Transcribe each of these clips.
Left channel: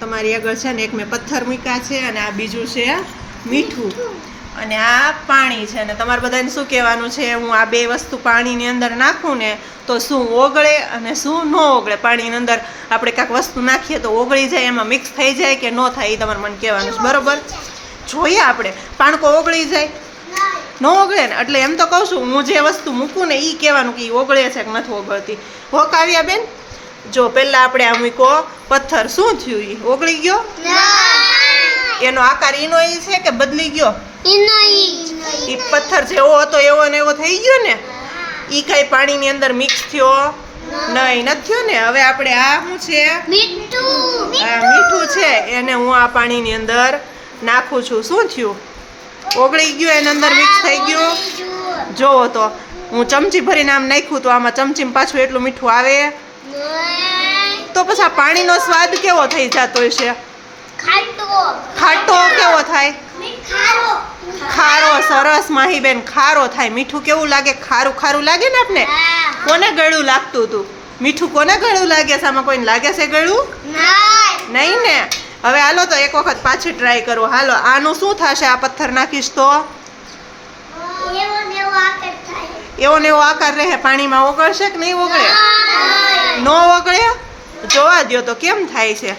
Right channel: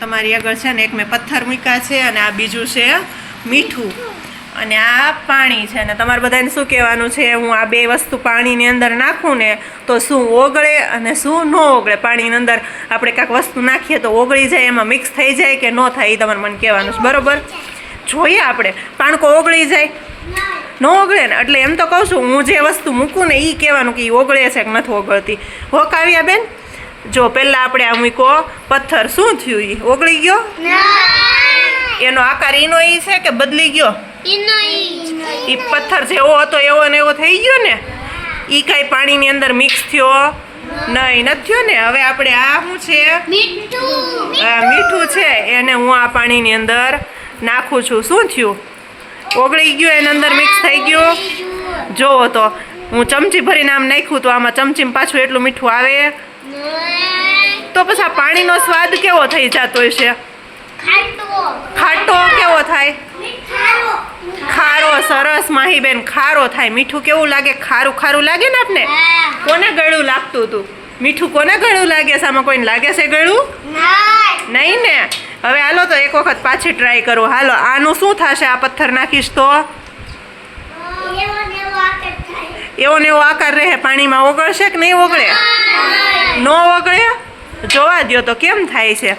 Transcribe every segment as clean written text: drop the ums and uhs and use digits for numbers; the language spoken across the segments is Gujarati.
તમારી આગળ છે ને એક મેં પથ્થર મૂક્યા છે અને આ બીજું છે મીઠું અને આ પાણી છે ને તમારે બધાને શું કહેવાનું છે? હું આ બે વસ્તુ પાણીની અંદર નાખું ને તો શું ઓગળે અને શું ન ઓગળે. પાણીની અંદર આપણે કાંઈક વસ્તુ નાખીએ તો ઓગળી જાય, એમાં મિક્સ થઈ જાય કે ન થાય એ તમારે મને કહેવાનું છે, બરાબર? જોઈએ આપણે પાણકો ઓગળી જાય ન ઓગળે ને, એટલે એમ તો કહું છું હું જે વસ્તુ મૂકું ને એ કહેવાનું કે એ ઓગળે છે કે નથી ઓગળતી. હો કાવ્યા બેન, જો પહેલાં આપણે આ મૂક્યો પથ્થર, શું થયું? એ ઓગળી ગયો? એનો આકાર ઈનો ઈ છે કે બદલી ગયો? એ પથ્થર જેવો હતો એવો ને એવો થઈ ગયો ને? એ કાંઈ પાણીની અંદર મિક્સ થયો નહીં, નથી થયો ને? હવે આપણે આ શું છે? મીઠું છે, એને હું આ પાણીની અંદર નાખું છું. શું થયું? ઓગળી ગયું, એની અંદર મિક્સ થઈ ગયું. જોવો તો હું ચમચી ભરીને આમ નાખ્યું તો આમાં ચમચીમાં પાછું એટલું મીઠું આવે તો પછી આ પાણીનો સ્વાદ કેવો થઈ જતો હશે? ખાટો કેવો થાય? ખારો. સરસ માહીબેન, ખારો થાય. મીઠું કેવું લાગે? ખારું ખારું લાગે ને આપને? કોને ગળું લાગતું હતું? મીઠું કોને ગળું લાગે છે? આમાં કોઈને લાગે છે ગળું? નહીં ને? હવે હાલો તો એક વખત પાછી ટ્રાય કરું. હાલો, આનું શું થશે? આ પથ્થર નાખીશ તો એવો ને એવો આકાર રહે. પાણીમાં ઓગળશે કે નહીં ઓગળે? ન ઓગળે? જોવા દ્યો તો કેમ થાય છે.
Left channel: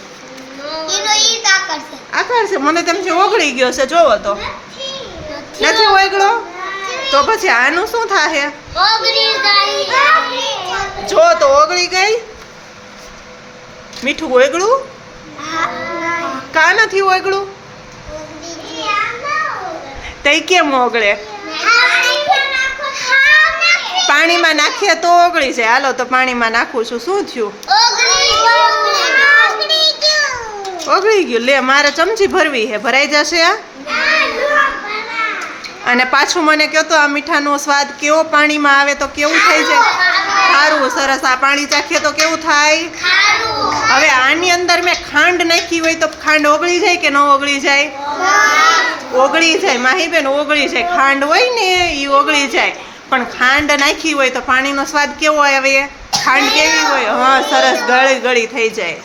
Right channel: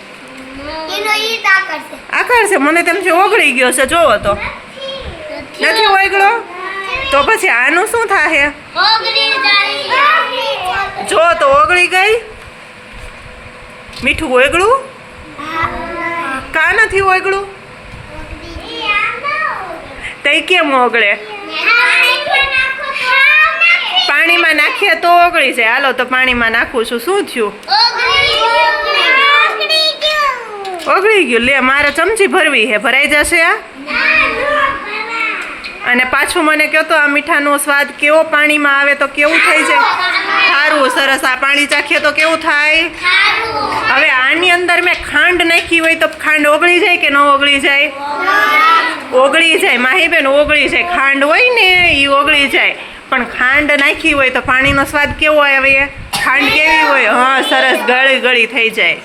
આકાર છે, મને તેમ છે ઓગળી ગયો છે. જોવો તો નથી ઓગળો તો પછી આનું શું થાય? જો તો ઓગળી ગઈ. મીઠું ઓગળું? કા નથી ઓગળું? તઈ કેમ ઓગળે? પાણીમાં નાખીએ તો ઓગળી જાય. હાલો તો પાણીમાં નાખું છું. શું થયું? ઓગળી ગયું. લે, મારે ચમચી ભરવી છે, ભરાઈ જશે આ? અને પાછું મને કહો તો આ મીઠાનો સ્વાદ કેવો પાણીમાં આવે તો કેવું થઈ જાય? સારું, સરસ. આ પાણી ચાખીએ તો કેવું થાય? હવે આની અંદર મેં ખાંડ નાખી હોય તો ખાંડ ઓગળી જાય કે ન ઓગળી જાય? ઓગળી જાય માહીબેન, ઓગળી જાય. ખાંડ હોય ને એ ઓગળી જાય, પણ ખાંડ નાખી હોય તો પાણીનો સ્વાદ કેવો આવે? ખાંડ કેવી હોય? હા, સરસ, ગળી ગળી થઈ જાય.